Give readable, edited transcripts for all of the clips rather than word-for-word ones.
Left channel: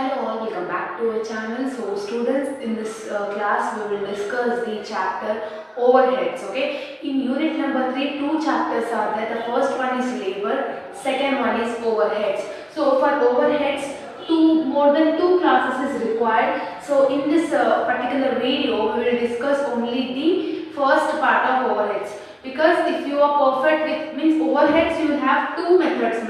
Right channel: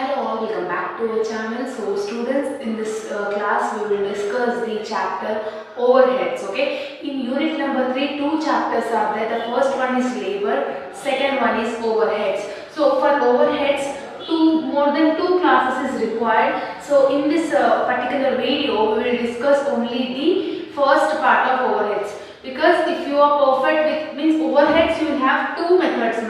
Hello all, welcome back to our channel. So students, in this class we will discuss the chapter overheads. Okay, in unit number 3 two chapters are there. The first one is labor, second one is overheads. So for overheads, more than two classes is required. So in this particular video we will discuss only the first part of overheads, because if you are perfect with means overheads, you will have two methods.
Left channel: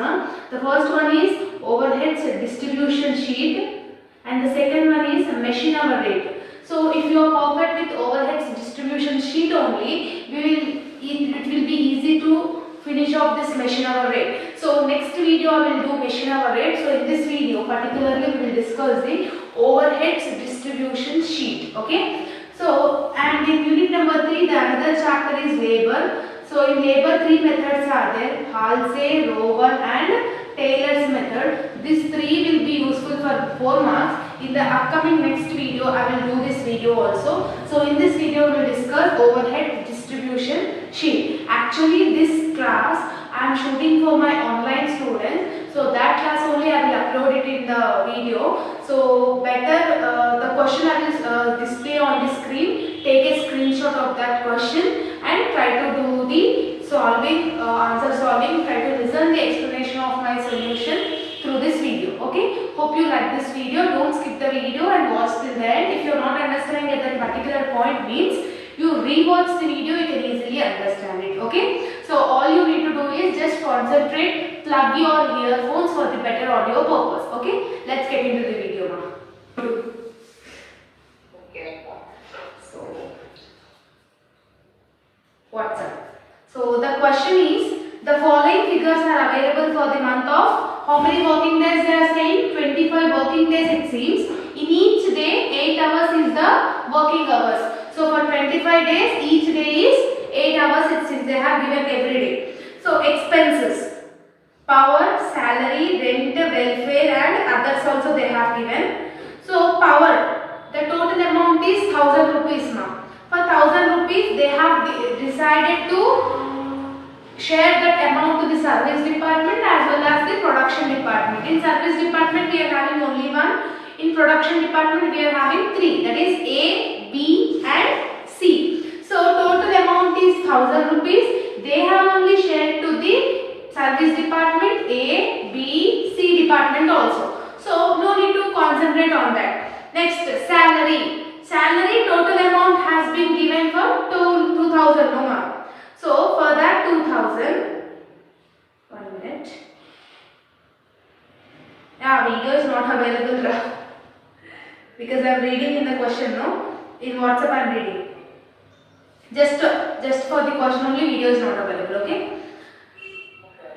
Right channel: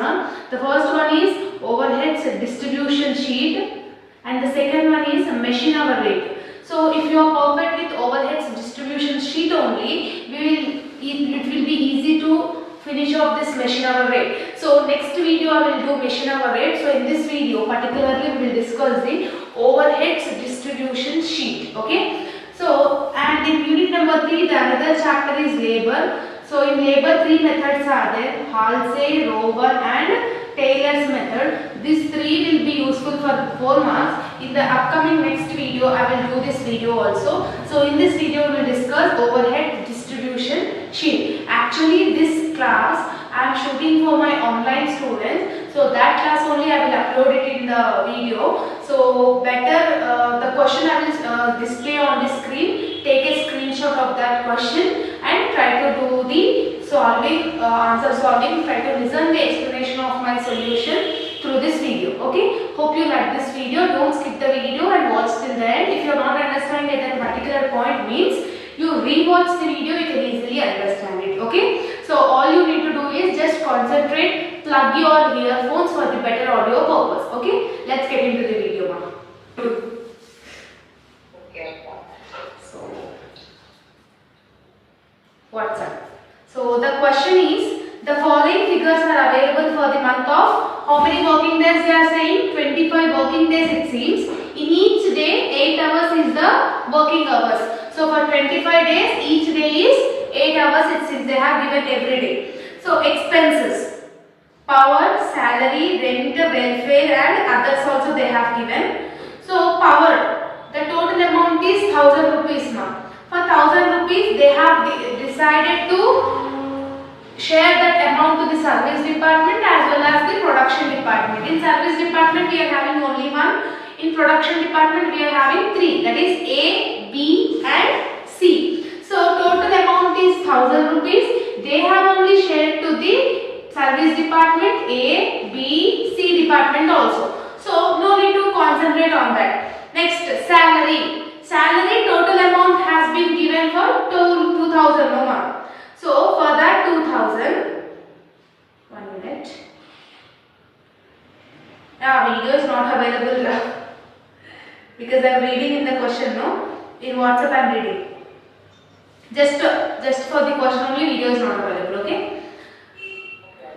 The first one is overheads distribution sheet and the second one is machine hour rate. So if you are perfect with overheads distribution sheet only, it will be easy to finish off this machine hour rate. So next video I will do machine hour rate. So in this video particularly we will discuss the overheads distribution sheet. Okay. So and in unit number 3 the another chapter is labor. So in labor three methods are there: Halsey, Rover and Taylor's method. These three will be useful for 4 marks. In the upcoming next video I will do this video also. So in this video we will discuss overhead distribution sheet. Actually this class I am shooting for my online students. So that class only I will upload it in the video. So better the question I will display on the screen. Take a screenshot of that question and try to do the solving, answer solving. Try to listen the explanation of my solution through this video. Okay, hope you like this video. Don't skip the video and watch till the end. If you are not understanding at a particular point, means you rewatch the video, you can easily understand it. Okay, so all you need to do is just concentrate, plug your earphones for the better audio purpose. Okay, let's get into the video now. So what's up? So the question is, the following figures are available for the month of, how many working days they are saying? 25 working days it seems. In each day 8 hours is the working hours. So for 25 days each day is 8 hours it seems they have given every day. So expenses, power, salary, rent, welfare and others also they have given. So power, the total amount is 1000 rupees now. For 1000 rupees they have decided to share that amount to the service department as well as the production department. In service department we are having only one. In production department we are having three. That is A, B and C. So total amount is 1000 rupees. They have only shared to the service department, A, B, C department also. So no need to concentrate on that. Next, salary. Salary total amount has been given for 2000 no more. So for that 2000, 1 minute. Video is not available because I am reading in the question, no? In WhatsApp I am reading. Just for the question only, video is not available, okay?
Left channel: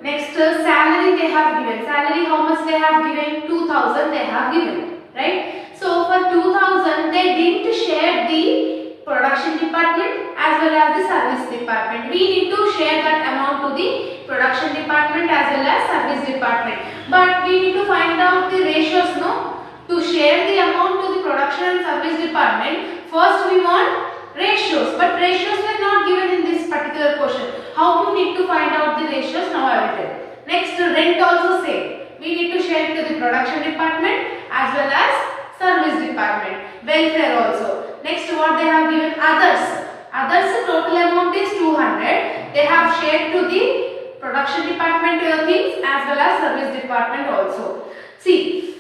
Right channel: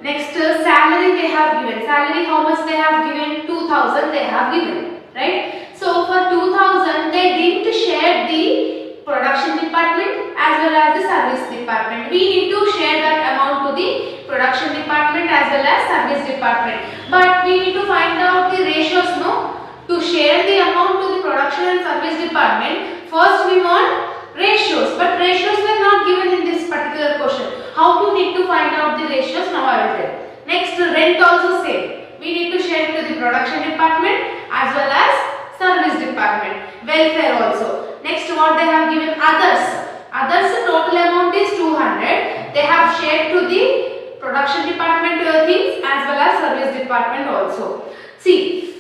Next, salary they have given. Salary how much they have given? 2000 they have given, right? So for 2000 they didn't share the production department as well as the service department. We need to share that amount to the production department as well as service department. But we need to find out the ratios, no? To share the amount to the production and service department, first we want ratios. But ratios were not given in this particular question. How you need to find out the ratios? Now I will tell. Next, rent also same. We need to share to the production department as well as service department. Welfare also. Next, what they have given? Others. Others total amount is 200. They have shared to the production department things as well as service department also. See,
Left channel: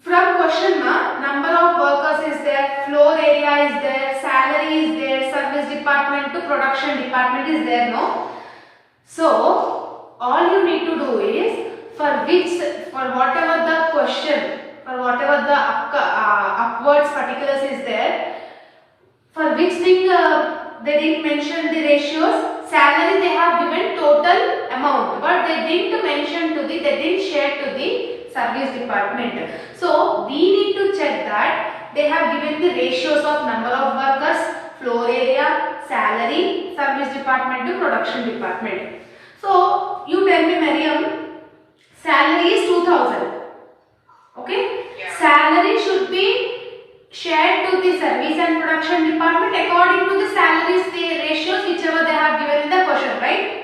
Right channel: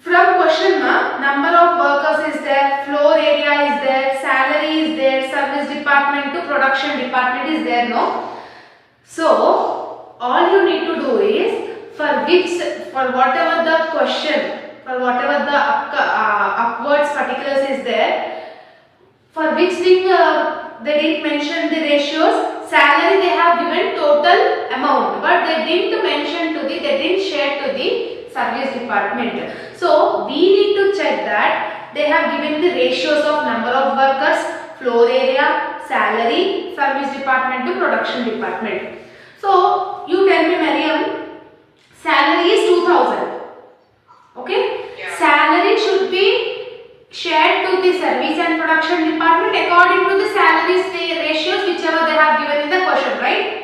from question number of workers is there, floor area is there, salary is there, service department to production department is there, no? So all you need to do is for whatever the question, for whatever the upwards particulars is there, for which thing they didn't mention the ratios. Salary they have given total amount, but they didn't mention to the, they didn't share to the service department. So we need to check that they have given the ratios of number of workers, floor area, salary, service department to production department. So you tell me, Mariam, salary is 2000. Okay? Yeah. Salary should be shared to the service and production department according to the salaries ratios whichever they have given in the question, right?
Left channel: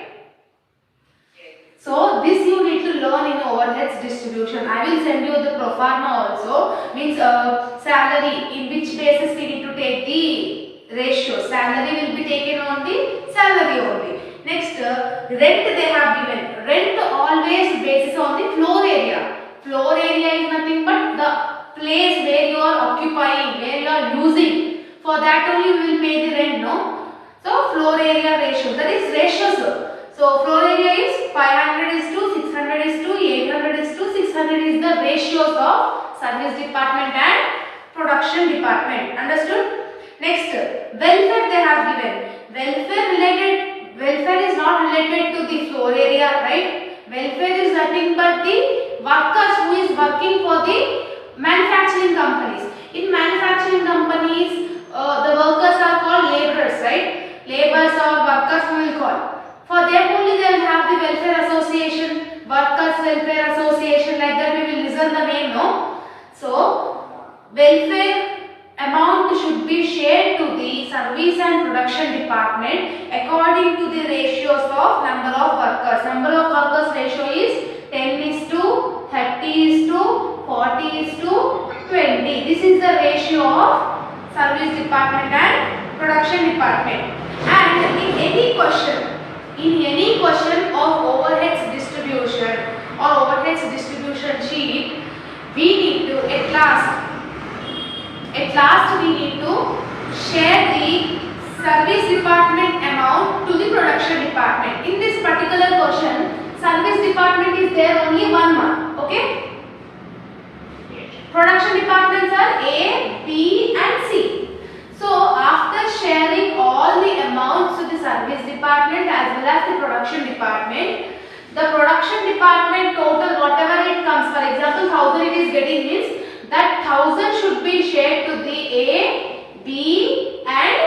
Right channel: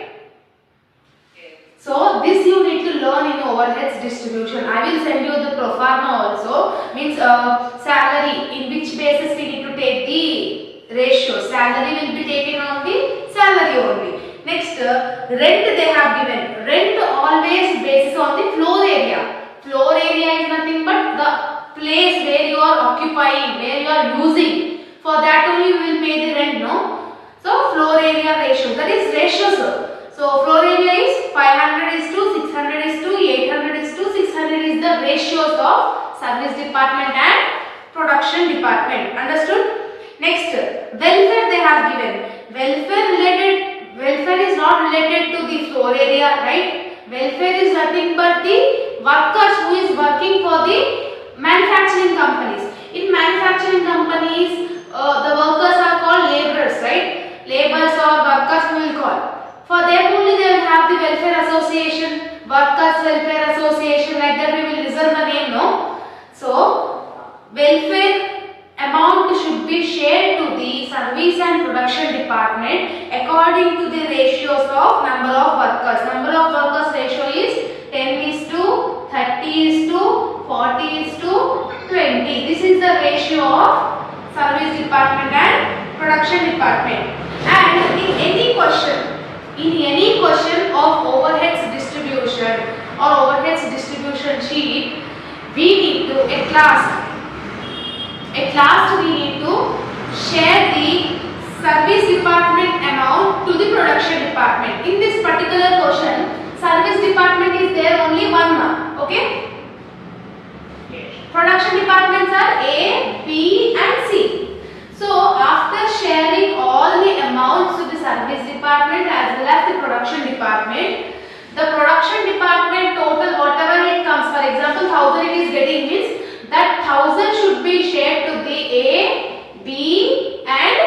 So this you need to learn in overheads distribution. I will send you the pro forma also. means salary, in which basis we need to take the ratio. Salary will be taken on the salary only. Next, rent they have given. Rent always basis on the floor area. Floor area is nothing but the place where you are occupying, where you are using. For that only we will pay the rent, no? So floor area ratio, that is ratios. So floor area is 500 is to 600 is to 800 is to 600 is the ratios of service department and production department. Understood? Next, welfare they have given. Welfare is not related to the floor area, right? Welfare is nothing but the workers who is working for the manufacturing companies. In manufacturing companies, the workers are called laborers, right? Laborers or workers we will call. For them only they will have the welfare association, workers welfare association, like that we will listen the name, no? So, welfare amount should be shared to the service and production department according to the ratios of number of workers. Number of workers ratio is 10 is to 30 is to 40 is to 20. This is the ratio of service department and production department. And in any question of overheads distribution or overheads distribution sheet, we need to at last we need to share the service department amount to the production department. In this particular question, service department is there only one mark, okay? Production departments are A, B and C. So after sharing all the amounts to the service department as well as the production department, the production department total whatever it comes, for example 1000 it is getting, means that 1000 should be shared to the A, B and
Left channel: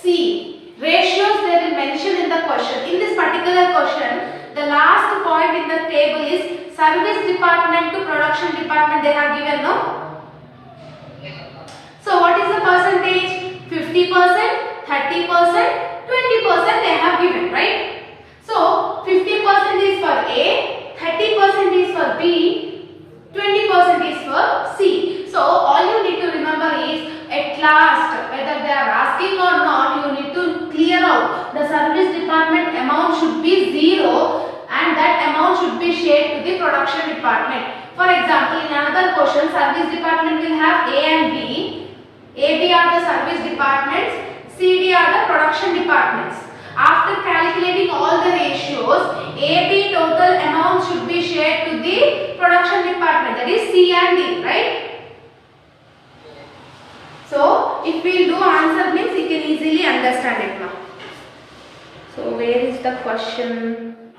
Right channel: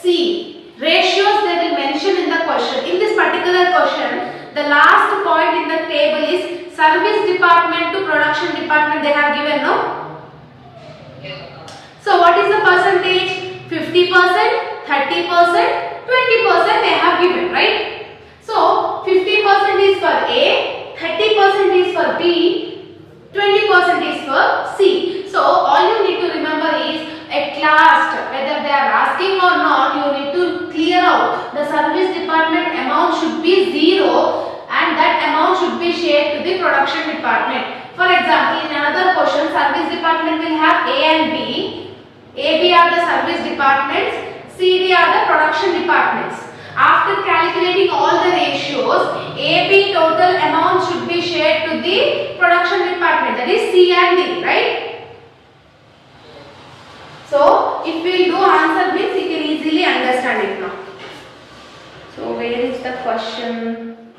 C. Ratios they will mention in the question. In this particular question, the last point in the table is service department to production department they have given, no? So what is the percentage? 50%, 30%, 20% they have given, right? So 50% is for A, 30% is for B, 20% is for C. So all you need to remember is at last whether they are asking or not, you need to clear out the service department amount should be 0 and that amount should be shared to the production department. For example, in another question, service department will have A and B. A, B are the service departments, C, D are the production departments. After calculating all the ratios, A, B total amount should be shared to the production department, that is C and D, right? So, if we do answer means you can easily understand it now. So, where is the question?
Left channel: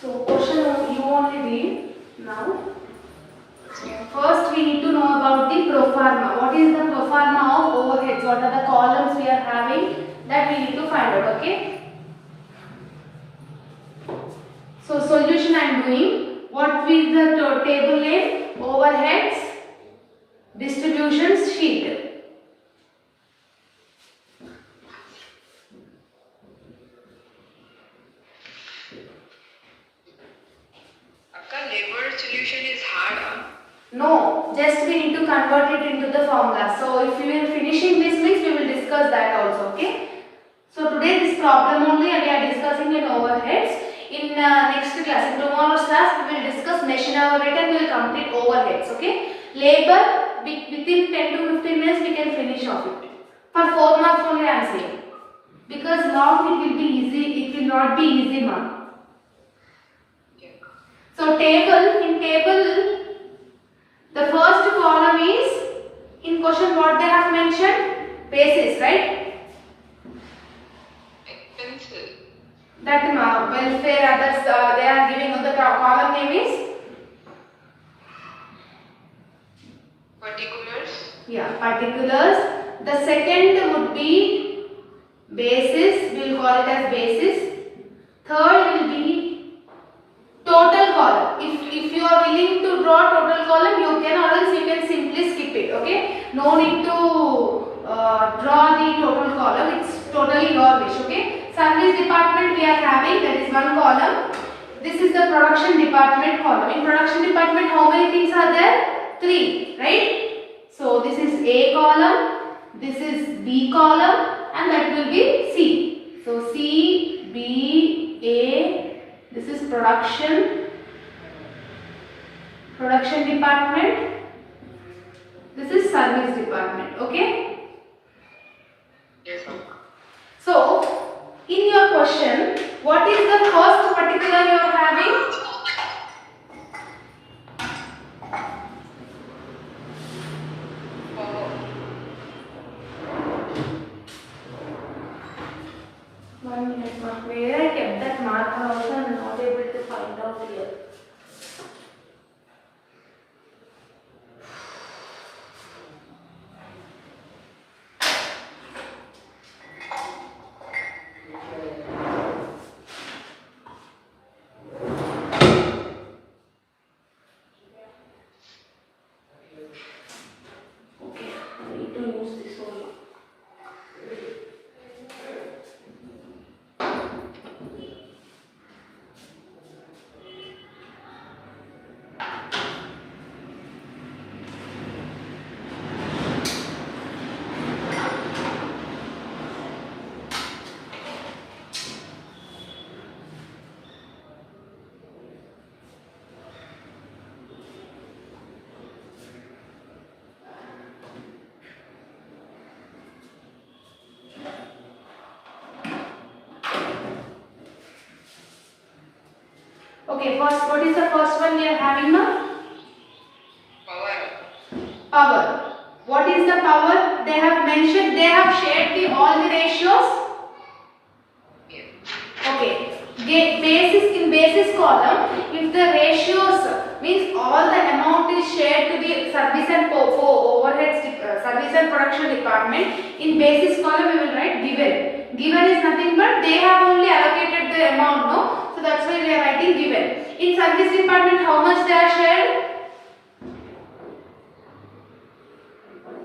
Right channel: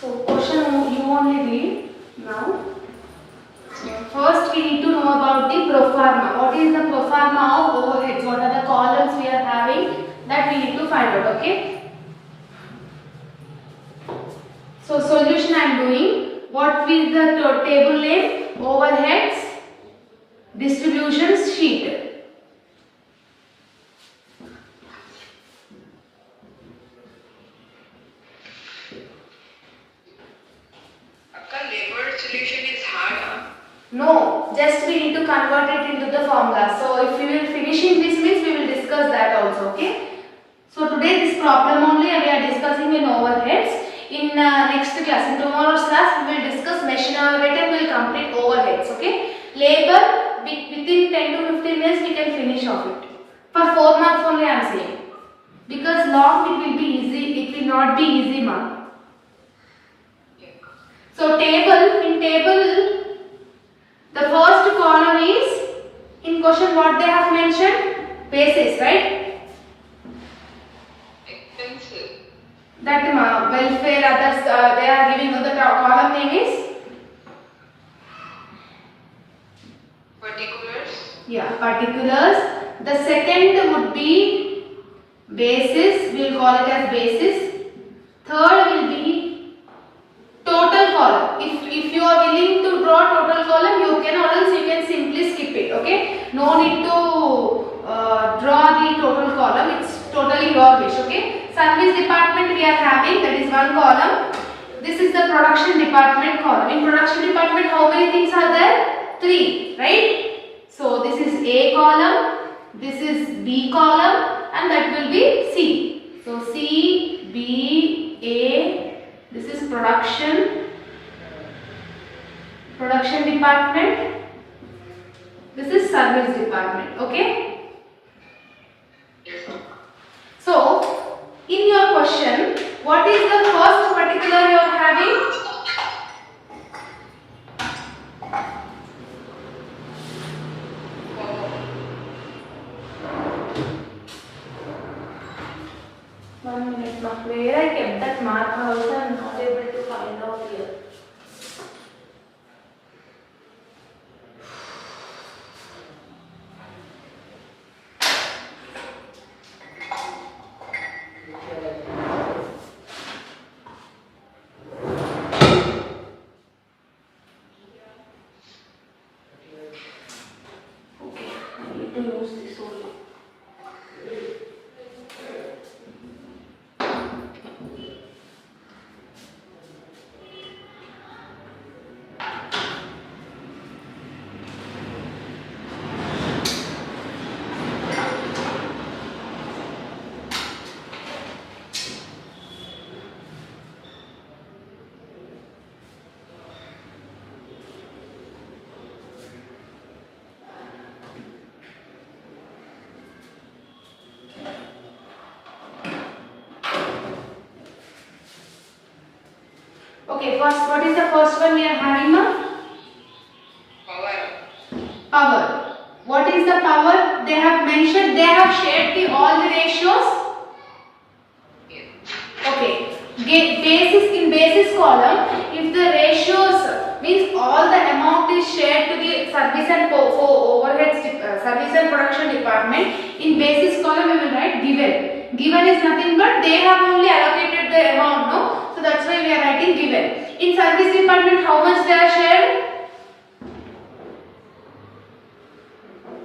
So, question you only read now. First, we need to know about the pro forma. What is the pro forma of overheads? What are the columns we are having? That we need to find out, okay? So, solution I am doing. What is the table name? Overheads distribution sheet. Labor solution is hard. No, just we need to convert it into the formula. So if we will finishing this means we will discuss that also, okay? So today this problem only we are discussing in overheads. In next class, in tomorrow's class we will discuss machine overhead and we will complete overheads, okay? Labor within 10 to 15 minutes we can finish off it. For 4 marks only I am saying. Because long it will be easy, it will not be easy mark. So in table, the first column is, in question what they have mentioned? Basis, right? Expensive. That welfare, others, they are giving on the column name is? Particulars. Yeah, particulars. The second would be basis, we will call it as basis. Third will be total column. If you are willing to draw total column, you can, or else you can simply skip it, okay? No need to draw the total column, it's totally your wish, okay? service department we are having, that is one column. This is the production department column. In production department, how many things are there? 3, right? So this is A column, this is B column, and that will be C. So C, B, A, this is production department, this is service department, okay? Yes, ma'am. So, in your question, what is the first particular you are having? One minute, ma'am. Where I kept that marker also, I am not able to find out here. Okay, I need to use this only. Okay, first, what is the first one we are having now? Power. Power. What is the power? They have mentioned, they have shared all the ratios. Yes. Okay. In basis column, if the ratios means all the amount is shared to the service and overhead service and production department, in basis column we will write given. Given is nothing but they have only allocated the amount, no? So that's why we are writing given. In service department, how much they are shared?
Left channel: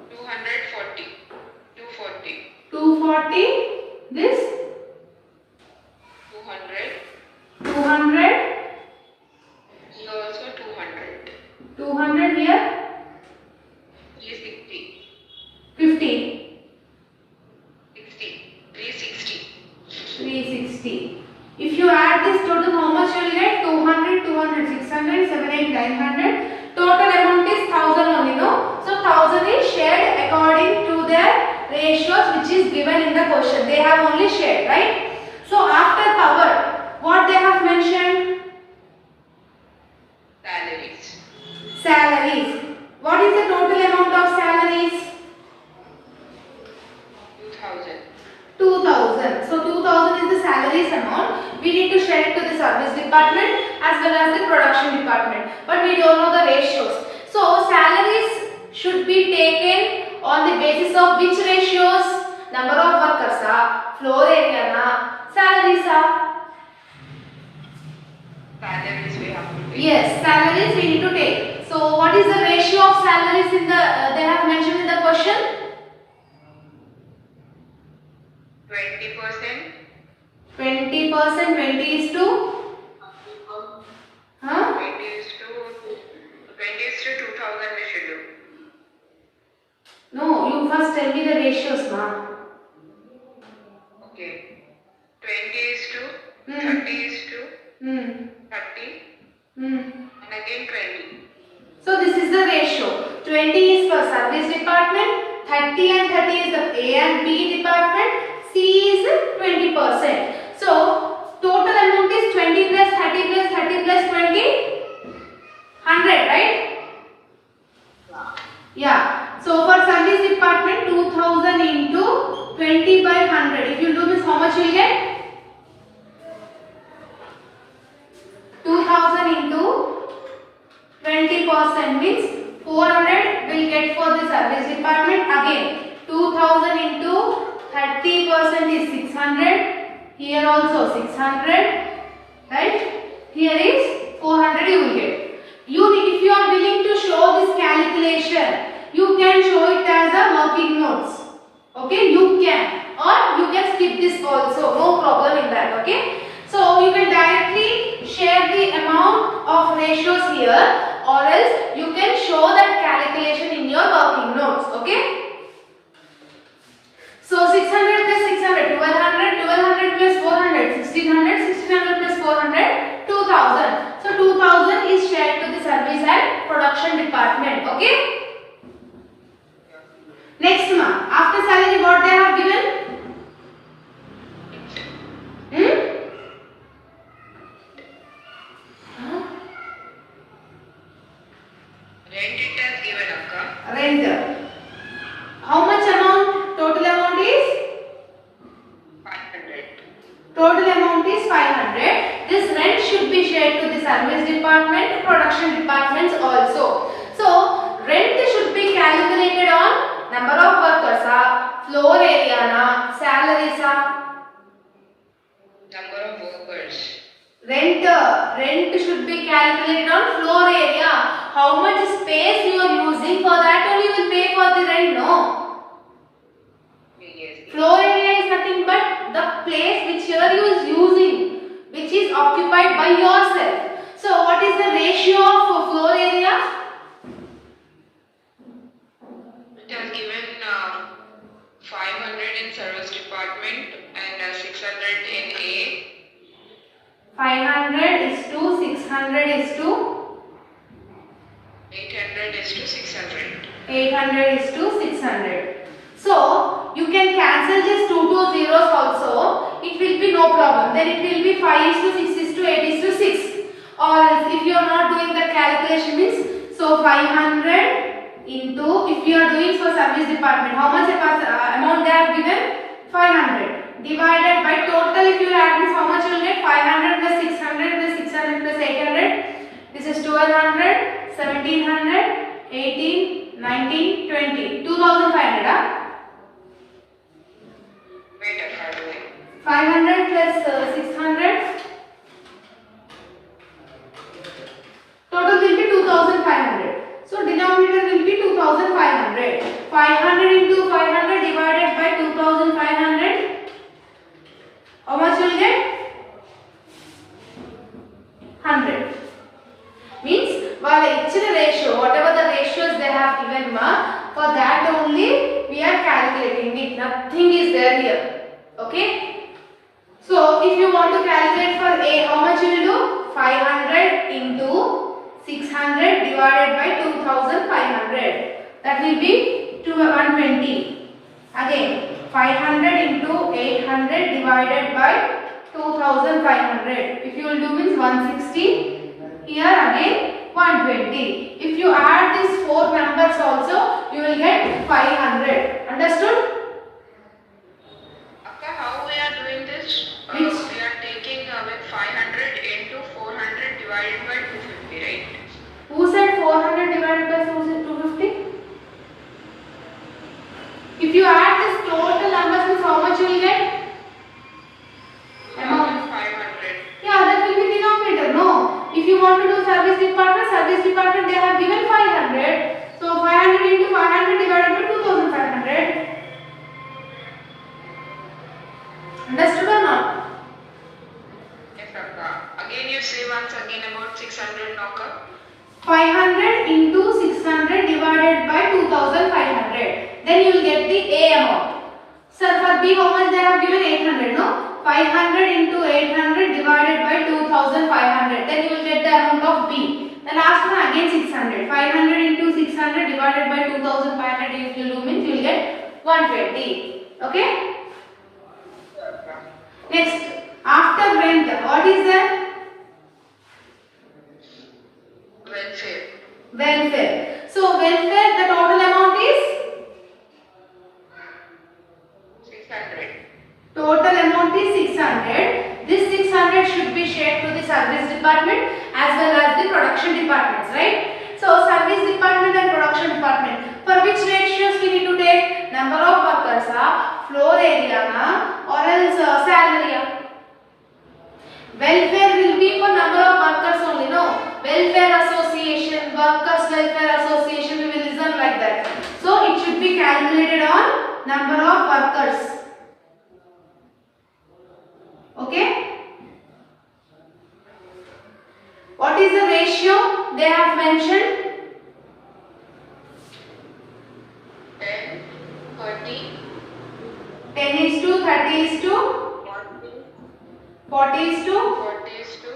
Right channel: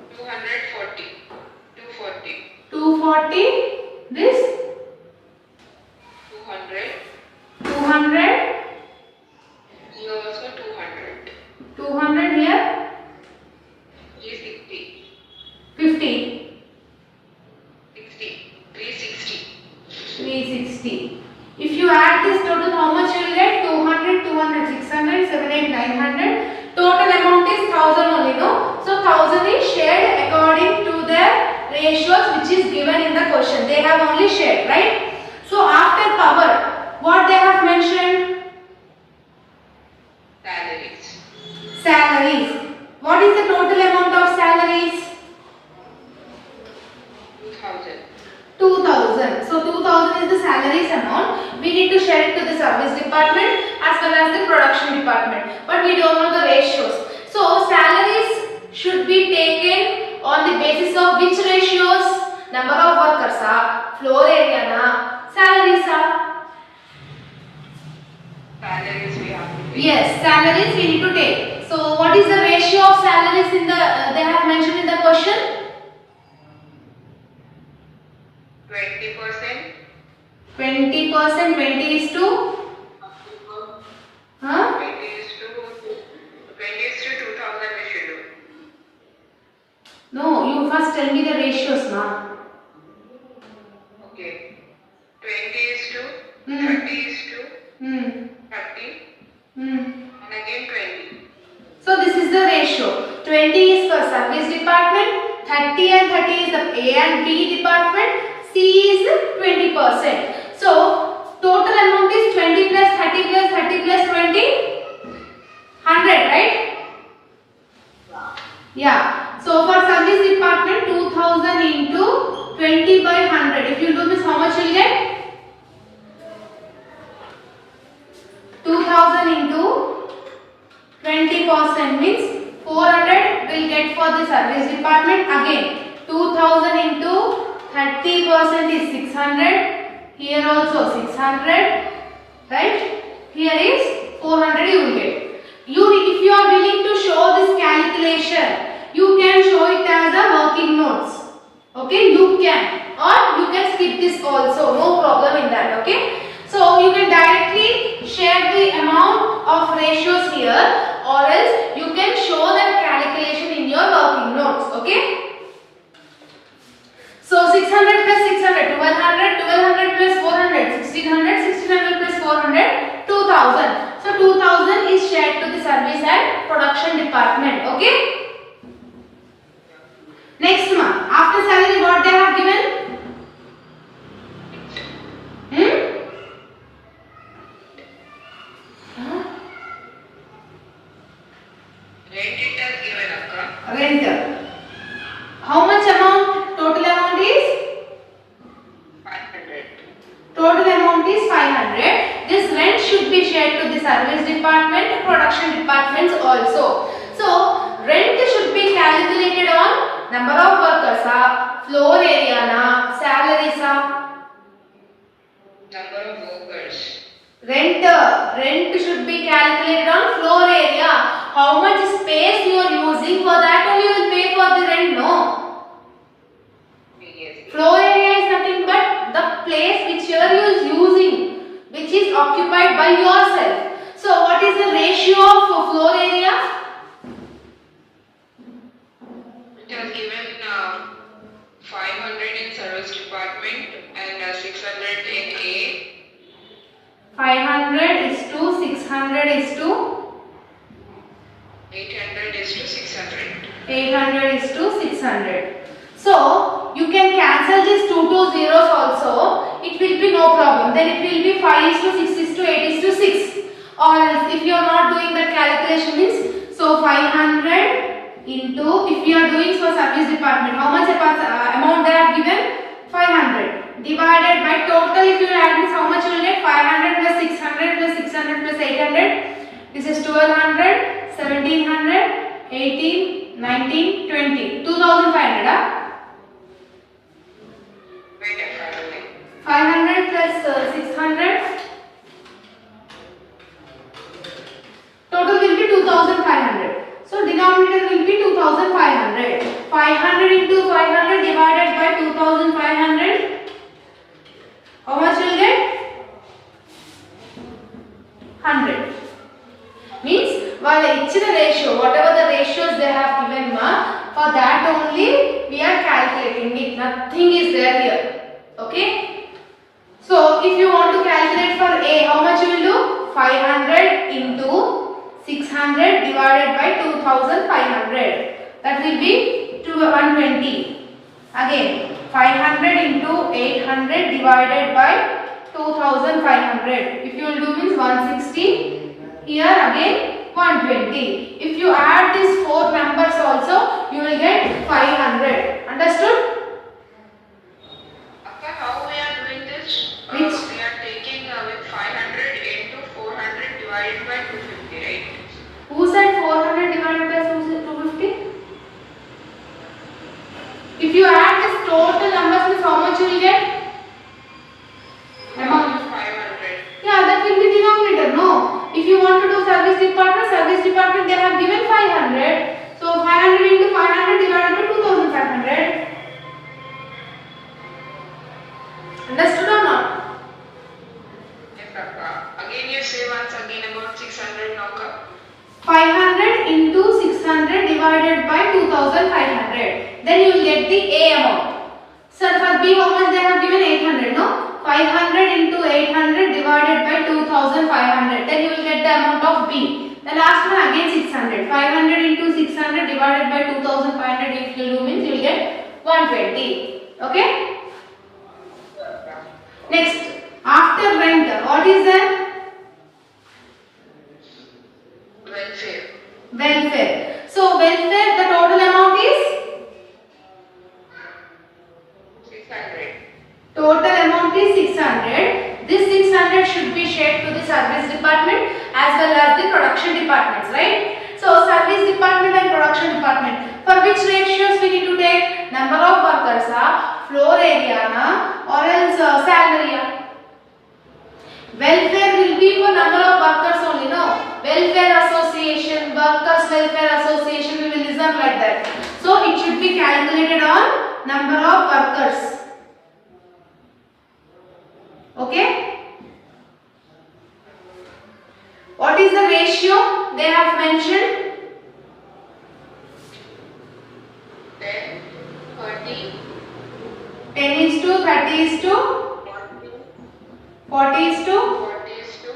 240. 240. 240. This 200. 200. Here also 200. 200 here. 360. 50. 60. 360. 360. If you add this total, how much you will get? 200, 200, 600, 700, 900. Total amount is 1000 only, no? So 1000 is shared according to the ratios which is given in the question. They have only shared, right? So after power, what they have mentioned? Salaries. Salaries. What is the total amount of salaries? 2000. 2000. So 2000 is the salaries amount. We need to share it to the service department as well as the production department. But we don't know the ratios. So salaries should be taken on the basis of which ratios? Number of workers, floor area, salaries. Salaries we have to pay. Yes, salaries we need to take. So what is the ratio of salaries in the they have mentioned in the question? 20%. 20%. 20 is to? Huh? 20 is to 2000 we should do. No, you first tell me the ratios, ma. Okay. 20 is to Hmm. 30 is to Hmm. 30 Hmm. and again 20. So this is the ratio. 20 is for service department, 30 and 30 is the A and B department, C is 20%. So total amount is 20 plus 30 plus 30 plus 20, 100, right? Yeah. So for service department, 2000 into 20 by 100. If you do this, how much you will get? 2000 into 20% means 400 will get for the service department. Again 2000 into 30% is 600. Here also 600, right? Here is 400 you will get. If you are willing to show this calculation, you can show it as a working notes. Okay, you can, or you can skip this also. No problem in that. different. Okay. So you can directly share the amount of ratios here, or else you can show that calculation in your working notes. Okay. So 600 plus 600, 1200, 1200 plus 400, 1600, 1600 plus 400, 2000. So 2000 is shared to the service and production department. Okay. Next one, after salary what they have given? Rent it has given akka. Rent. How much amount? Total amount is? 500. Total amount is 500. This rent should be shared to the service department, production departments also. So rent should be calculated on number of workers, floor area, salaries. Number of workers. Rent should be calculated on floor area. How much space you are using, for that only you will pay for the rent, no? Yes. Floor area is nothing but the place which you are using, which is occupied by yourself. So what is the ratio of floor area? It has given 500 in service department and 600 in A. 500 is to 600 is to 800 is to 600. 800 is to 600. So you can cancel these 2 zeros also. It will be no problem. Then it will be 5 is to 6 is to 8 is to 6. Or else if you are not doing that calculation means, so 500 into, if you are doing for service department, how much amount they have given? 500 divided by total, if you add this, how much you will get? 500 plus 600 plus 600 plus 800. This is 1200, 1700, 18, 19, 20. 2500. Wait a minute. 500 plus 600. Total will be 2500. So denominator will be 2500. 500 into 500 divided by 2500. How much will get? 100. Means while each ratio, whatever the ratios they have given, for that only we are calculating it. Nothing is there here. Okay. So if you want to calculate for A, how much you will do? 500 into 600 divided by 2500. That will be 120. Again 500 into 800 divided by 2500. If you will do means 160. Here again 120. If you add these 4 numbers also, you will get 500. Understood? Akka, how we are doing this? Which? We are taking with 500 into 400 divided by 250, right? Who said 400 divided by 250? If you add this total numbers, means how much you will get? Amount. 500. Yeah, that will be denominator. No. If you want to do service department they have given 500. So 500 into 500 divided by 2500. Understood or not? Yes, Akka. Again you say once again about 600 Akka. 500 into 600 divided by 2500. Then you will get the A amount. Sir, for B how much they have given? 800, no? 500 into 800 divided by 2500. Then you will get the amount of B. The last one again 600. 500 into 600 divided by 2500. If you do means you will get 120. Okay? Next, after rent, what is there? Welfare. Welfare. So welfare, the total amount is? 600. Total amount is 600. This 600 should be shared to the service department as well as the production departments, right? So service department and production department. For which ratios we need to take? Number of workers, floor area, or else salary. Welfare will be for number of workers only, no? Welfare association, workers welfare association, we will listen like that. So it should be calculated on number of workers. Okay? they have mentioned? 10, 30, 10 is to 30 is to 40 is to 40 is to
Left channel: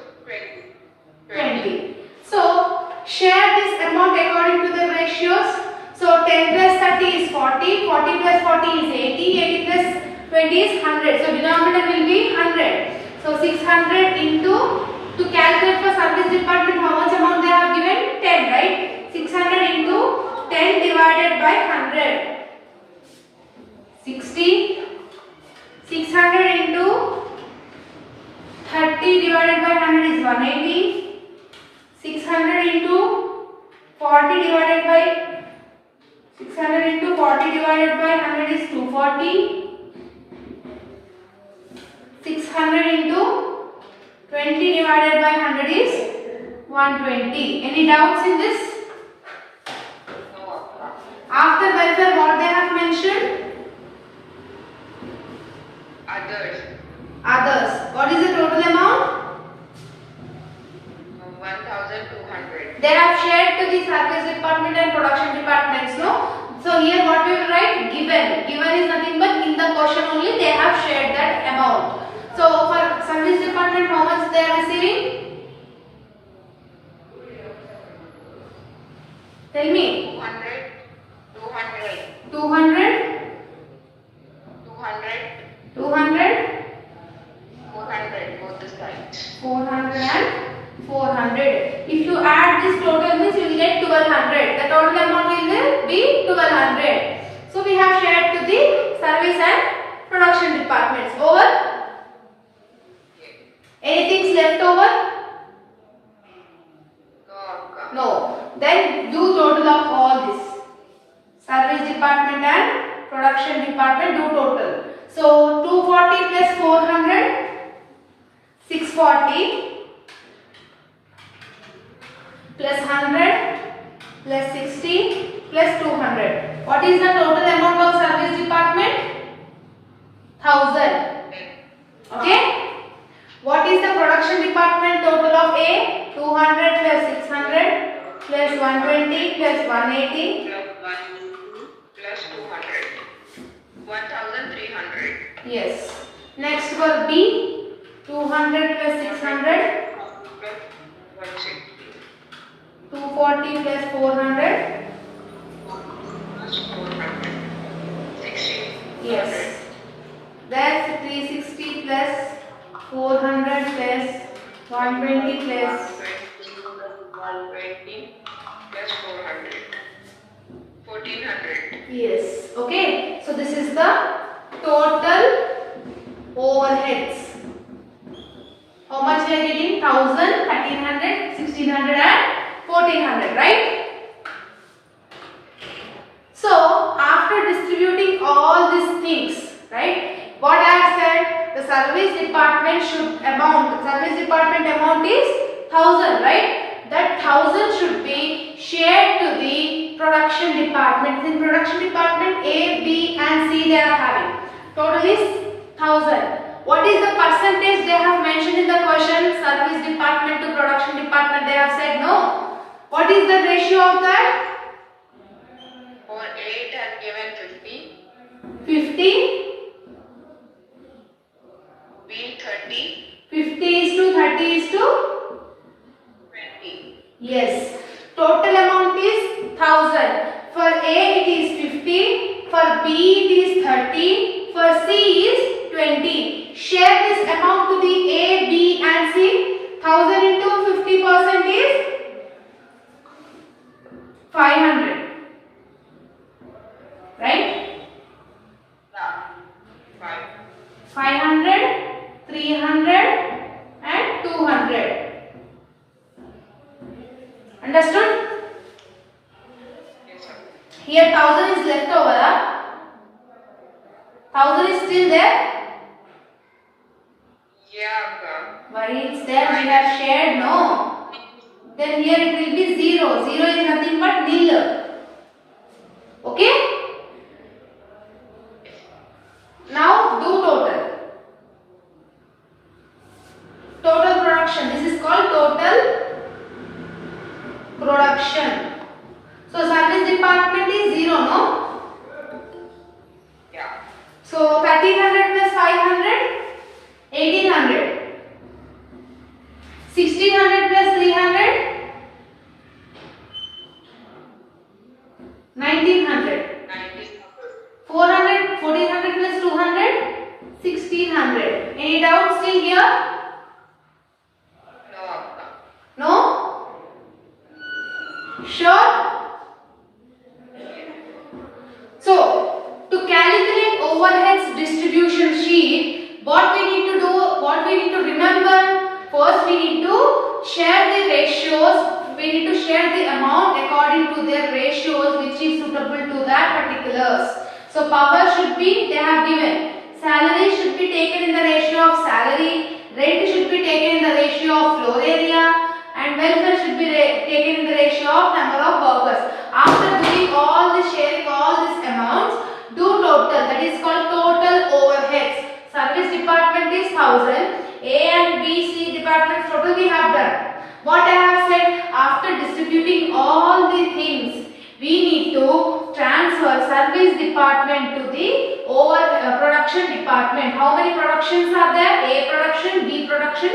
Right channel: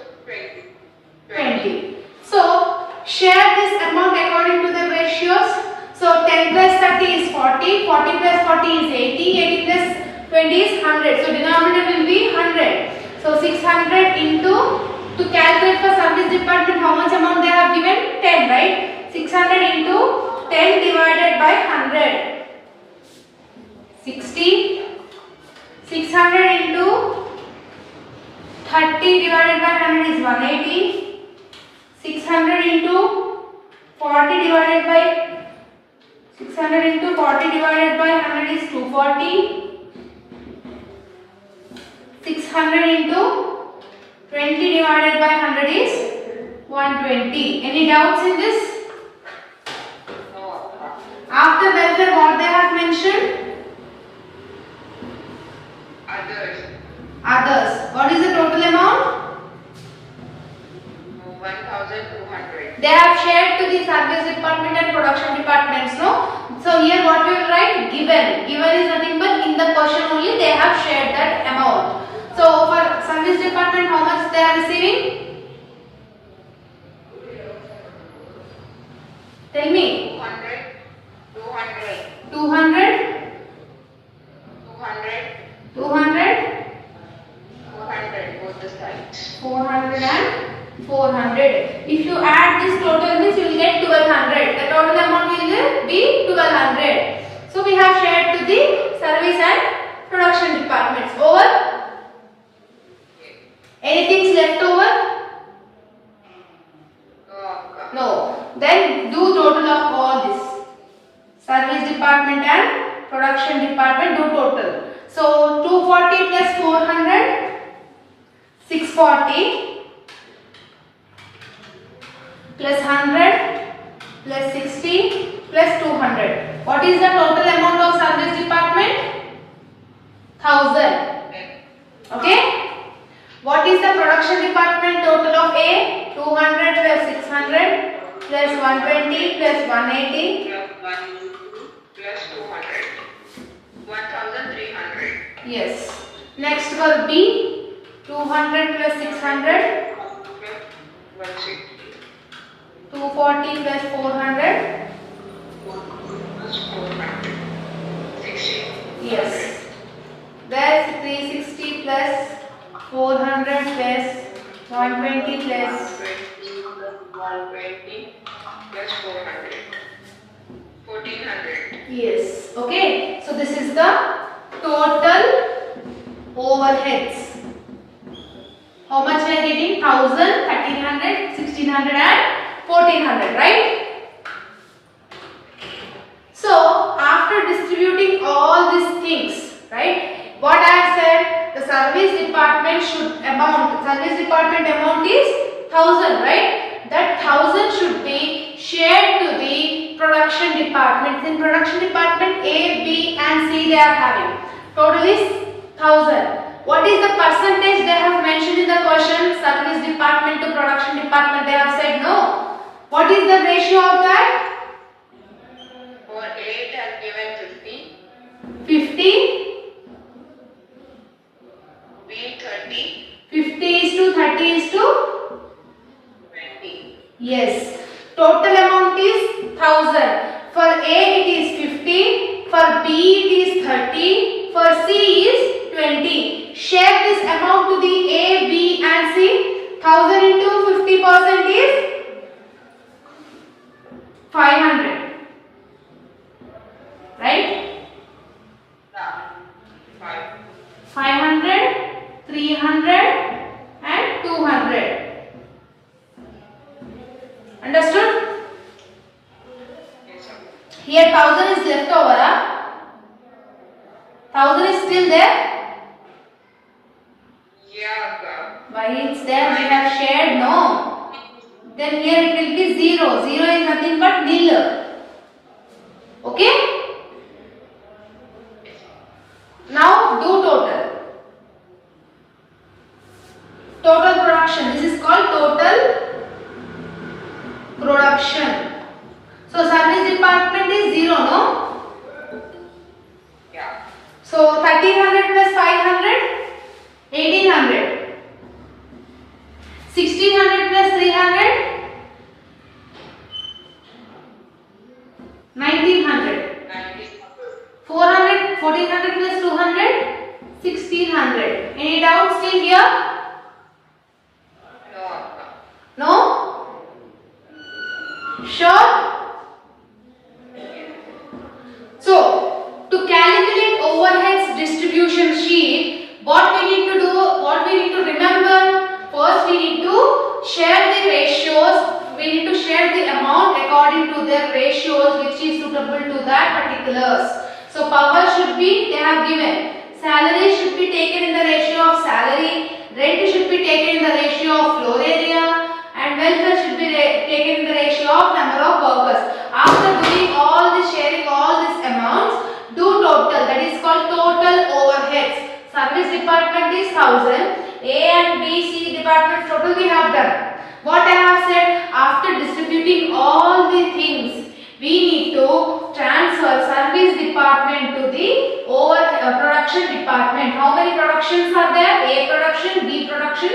20. So share this amount according to the ratios. So 10 plus 30 is 40, 40 plus 40 is 80, 80 plus 20 is 100. So denominator will be 100. So 600 into, to calculate for service department how much amount they have given? 10, right? 600 into 10 divided by 100. 60. 600 into 30 divided by 100 is 180. 600 into 40 divided by 600 into 40 divided by 100 is 240. 600 into 20 divided by 100 is 120. Any doubts in this? After welfare, what they have mentioned? Others. What is the total amount? 1,200. They have shared to the service department and production departments, no? So here what we will write? Given. Given is nothing but in the question only they have shared that amount. So for service department, how much they are receiving? Tell me. 200, 200, 200, 200, 200, 400, both the sides. 400 and 400. If you add this total, this you will get 1200. The total amount will be 1200. So we have shared to the service and production departments. Over. Anything left over? No. Then do total of all this. Service department and production department do total. So 240 plus 400, 640 plus 100 plus 60 plus 200. What is the total amount of service department? 1000. Okay. What is the production department total of A? 200 plus 600 plus 120 plus 180 plus 200. 1,300. Yes. Next for B, 200 plus 600, 160. 240 plus 400. Plus 400. 60. Yes. That's 360 plus 400 plus 120 plus 120 plus 400. 1,400. yes. Okay. So this is the total overheads. How much we are getting? 1000, 1300, 1600 and 1400, right? So after distributing all these things, right? What I have said, the service department amount is 1000, right? That 1000 should be shared to the production department. In production department A, B and C they are having. Total is 1000. What is the percentage they have mentioned in the question? Service department to production department they have said no. What is the ratio of that? For A it has given 50. 50. B 30. 50 is to 30 is to 20. yes. Total amount is 1000. For A it is 50. For B it is 30. For C is 20. Share this amount to the A, B and C. 1000 into 50% is 500. Right? Yeah. 5. 500, 300 and 200. Understood? Yes, sir. Here 1000 is left over. 1000 is still there. Yeah, sir. Why it's there? We have shared, no. Then here it will be 0. 0 is nothing but nil. Okay? Now do total. Total production. This is called total production. So service department is 0, no? Yeah. So 1300 plus 500, 1800. 1600 plus 300, 1900. 400, 1400 plus 200, 1600. Any doubts still here? No. No? Sure? So, to calculate overheads distribution sheet, what we need to do, what we need to remember, first we need to share the ratios, we need to share the amount according to their ratios which is suitable to that particulars. So, power should be, they have given, salary should be taken in the ratio of salary, rent should be taken in the ratio of floor area, and welfare should be taken in the ratio of number of workers. After doing all this, sharing all these amounts, do total, that is called total overheads. Service department is 1000, A and B, C departments total we have done. What I have said, after distributing all the things, we need to transfer service department to the production department. How many productions are there? A production, B production,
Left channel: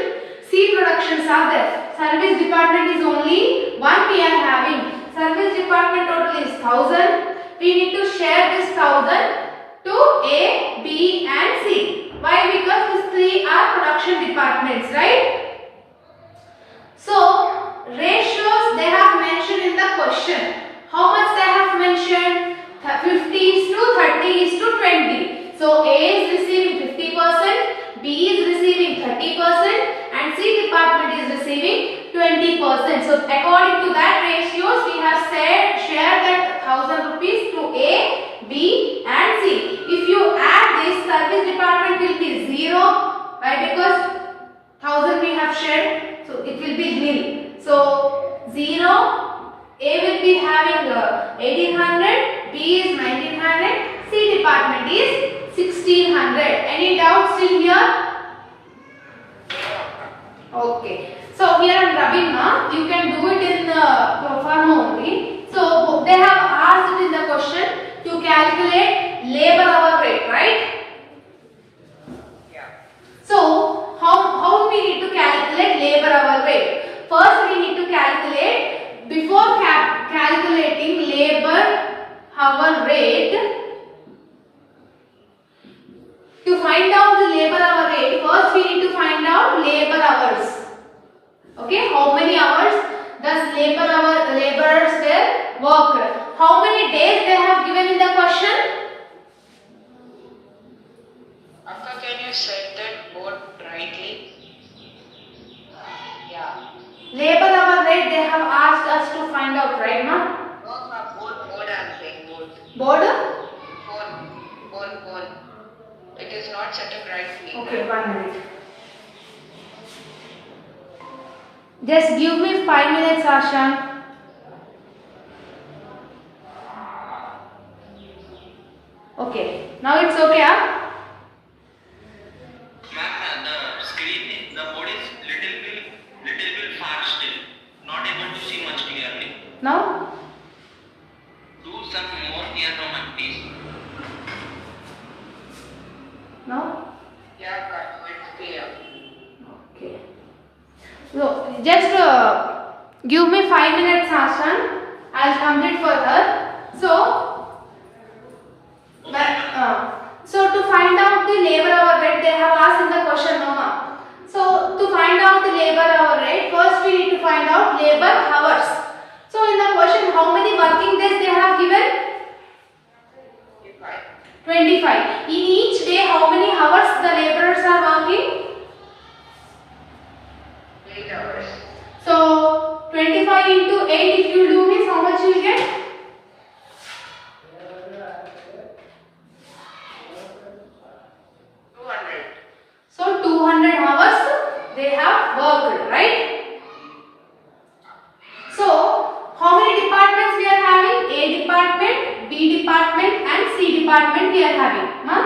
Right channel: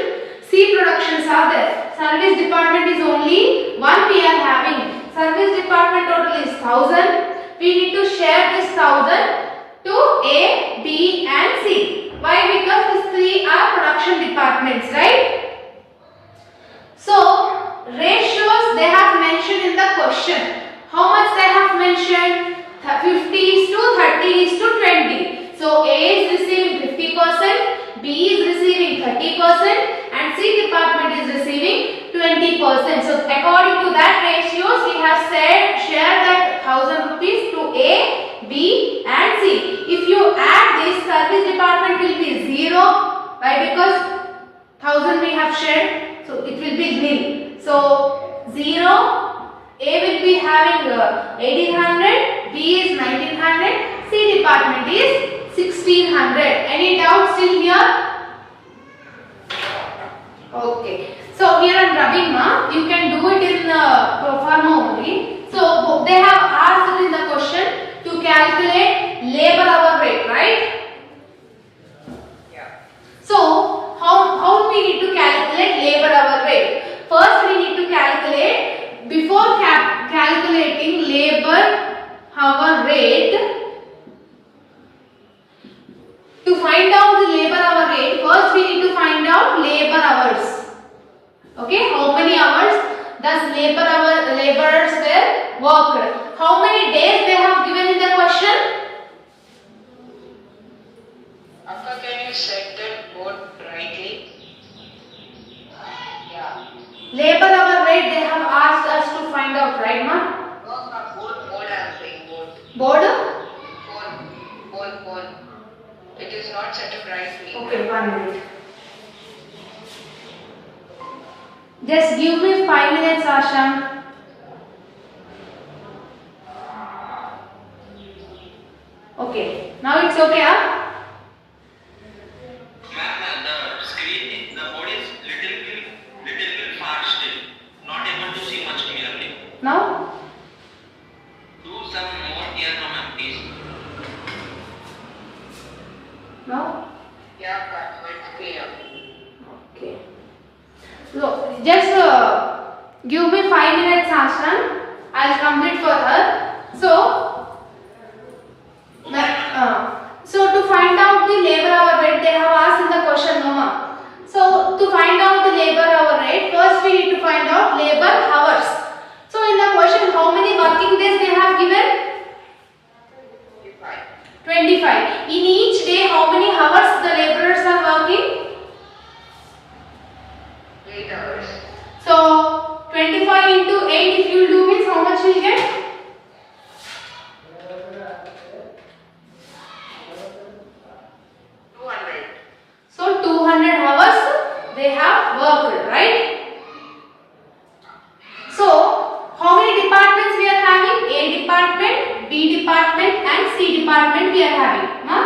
C productions are there. Service department is only one we are having. Service department total is 1000. We need to share this 1000 to A, B and C. Why? Because these three are production departments, right? So, ratios they have mentioned in the question. How much they have mentioned? 50 is to 30 is to 20. So, A is receiving 50%, B is receiving 30% and C department is receiving 20%. So, according to that ratios, we have said share that 1000 rupees to A, B and C. If you add this, service department will be 0. Why? Because 1000 we have shared, so it will be nil. So, 0. A will be having 1800, B is 1900, C department is 1600. Any doubts still here? Okay. So here on rubbing, you can do it in pro forma only. So they have asked it in the question to calculate labor hour rate, right? Yeah. So how we need to calculate labor hour rate? First we need to calculate, before calculating labor hour rate, to find out the labor hour rate, first we need to find out labor hours. Okay, how many hours does laborers were worked? How many days they have given in the question? Akka, can you set that board rightly? Yeah. Labor hour rate they have asked us to find out, right, ma? No, board I'm saying, board. Board? Board. It is not set up rightly. Okay, 1 minute. Just give me 5 minutes, Asha. Okay, now it's okay, huh? Ma'am, the screen, the board is little bit far still. Not able to see much clearly. Now? Do some more near, ma'am, please. Now? Yeah, but it's clear. Okay. So, just give me 5 minutes, Ashan. I'll complete for her. So to find out the labor hour rate, they have asked in the question, no ma. So, to find out the labor hour rate, first we need to find out labor hours. So, in the question, how many working days they have given? 25. In each day, how many hours the laborers are working? 8 hours. So 25 into 8, if you do means how much you get? 200. So 200 hours they have worked, right? So how many departments we are having? A department, B department and C department we are having. Huh?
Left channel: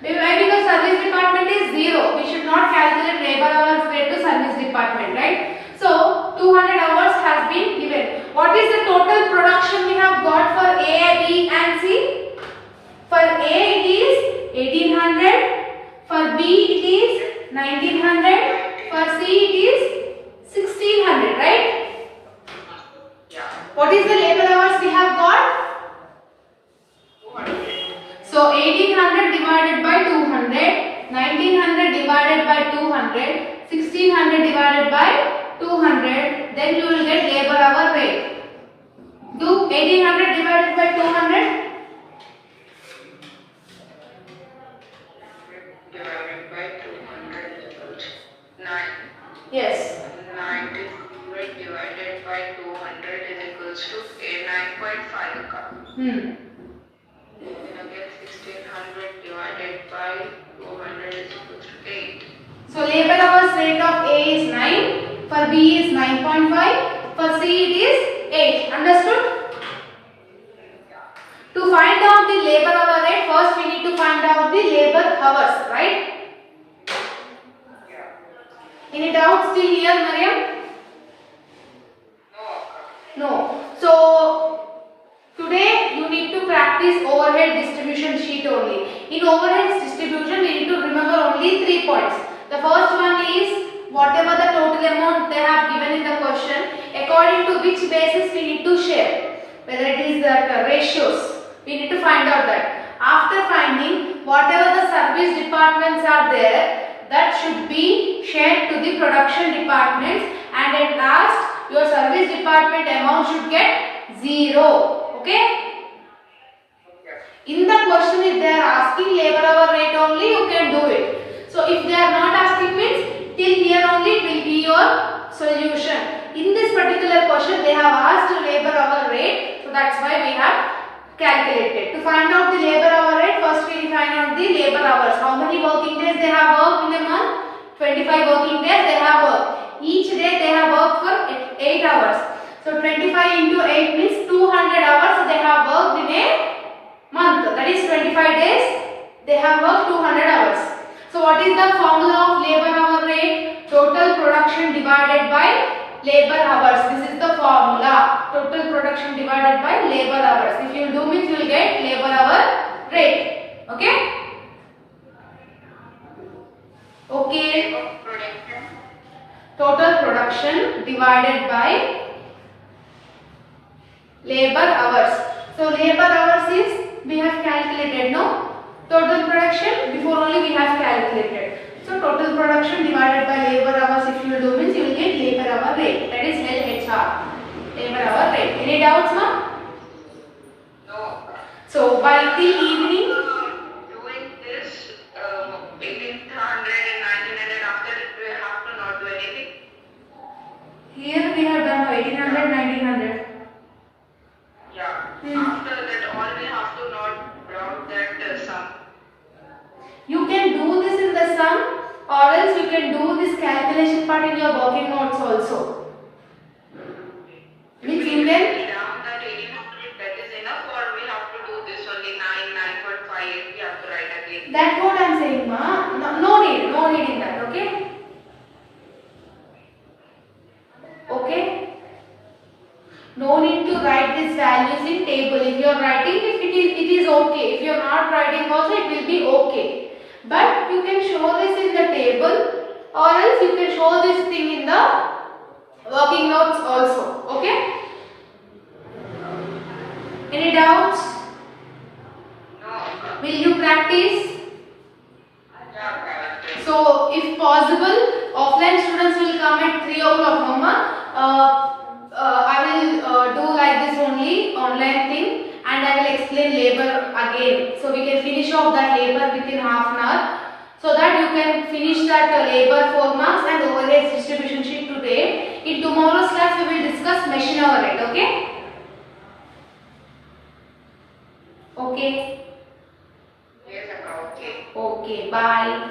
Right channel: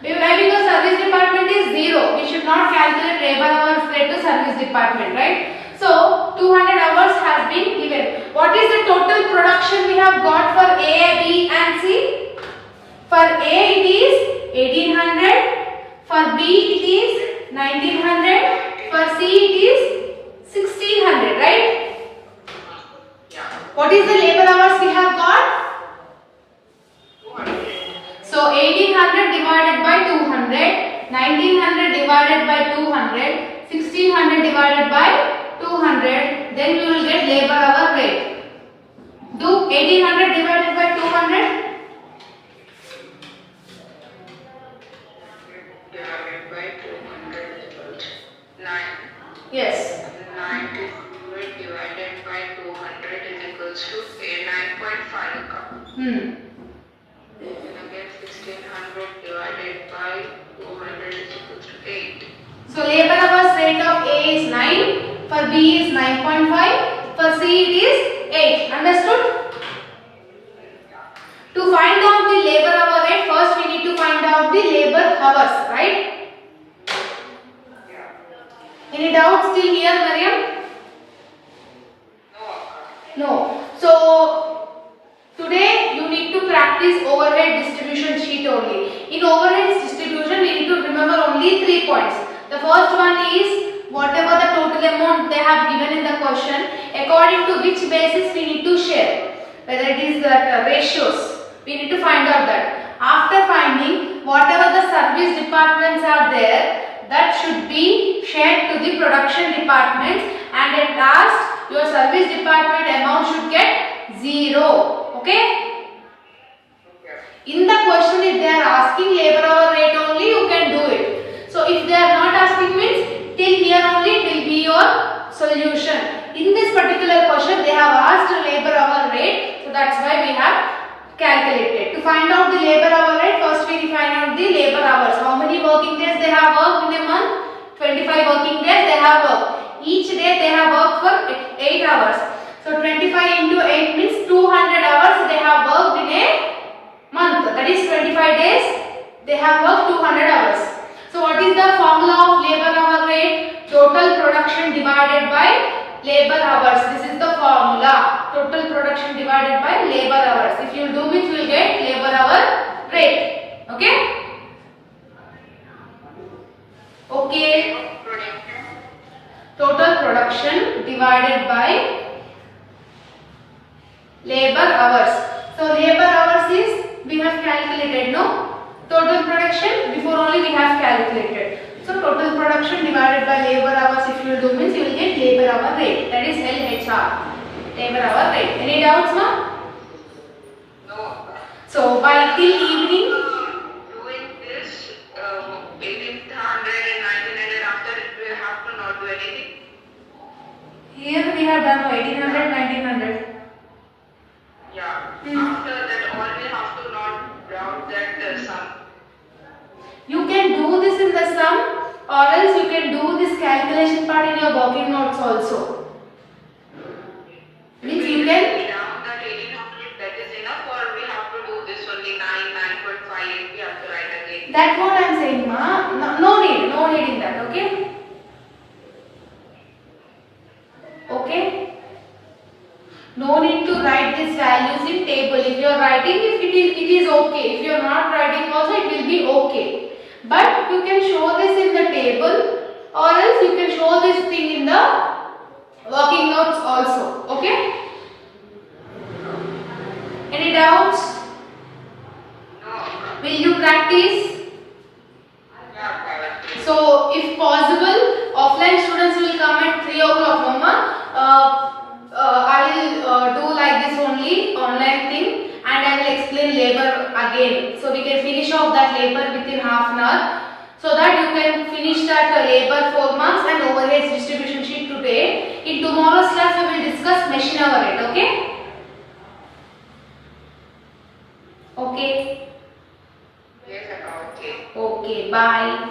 Because service department is 0. We should not calculate labor hours rate to service department, right? So 200 hours has been given. What is the total production we have got for A, B and C? For A it is 1800, for B it is 1900, for C it is 1600, right? What is the labor hours we have got? So 1800 divided by 200, 1900 divided by 200, 1600 divided by 200, then we will get labor hour rate. Do 1800 divided by 200? Divided by 200 equals 9. Yes. 900 divided by 200 is equals to 9.5. Hmm. Then again 1600 divided by 200 is equals to 8. So labor hours rate of A is 9, for B is 9.5, for C it is 8. Understood? To find out the labor hour rate, first we need to find out the labor hours, right? Any doubts till here, Mariam? No. So today you need to practice overhead distribution sheet only. In overhead distribution, we need to remember only 3 points. The first one is whatever the total amount they have given in the question, according to which basis we need to share. Whether it is the ratios, we need to find out that. After finding whatever the service departments are there, that should be shared to the production departments, and at last your service department amount should get 0. Okay? In the question, if they are asking labor hour rate only, you can do it. So if they are not asking, means till here only it will be your solution. In this particular question they have asked labor hour rate, so that's why we have calculated. To find out the labor hour rate, first we find out the labor hours. How many working days they have worked in a month? 25 working days they have worked. Each day they have worked for 8 hours. So 25 into 8 means 200 hours they have worked in a month. That is 25 days they have worked 200 hours. So what is the formula of labor hour rate? Total production divided by labor hours. This is the formula. Total production divided by labor hours. If you do it, you will get labor hour rate. Okay? Okay. Total production divided by labor hours. So labor hours is, we have calculated, no? Total production, before only we have calculated. So total production divided by labor hours, if you will do, means you will get labor hour rate. That is LHR. Labor hour rate. Any doubts, ma'am? No. So by till evening, Doing this 1800 and 1900, after it we have to not do anything. here we have done 1800, 1900. Yeah. Hmm. After that, all we have to not round that sum. You can do this in the sum, or else you can do this calculation part in your working notes also. Means you can, Down that 1800, that is enough, or we have to do this only 9.5, we have to write again. that's what I am saying, ma. No need in that, okay? Okay? No need to write these values in table. If you are writing, it is okay. If you are not writing also, it will be okay. But you can show this in the table, or else you can show this thing in the working notes also. Okay? Any doubts? No. Will you practice? Yeah, correct. So, if possible, offline students will come at 3 o'clock, Mama. I will do like this only, online thing, and I will explain labor again. So, we can finish off that labor within half an hour. So that you can finish that labor 4 marks and overhead distribution sheet today. In tomorrow's class, we will discuss machine overhead, okay? Okay. Yes, okay. Okay, bye.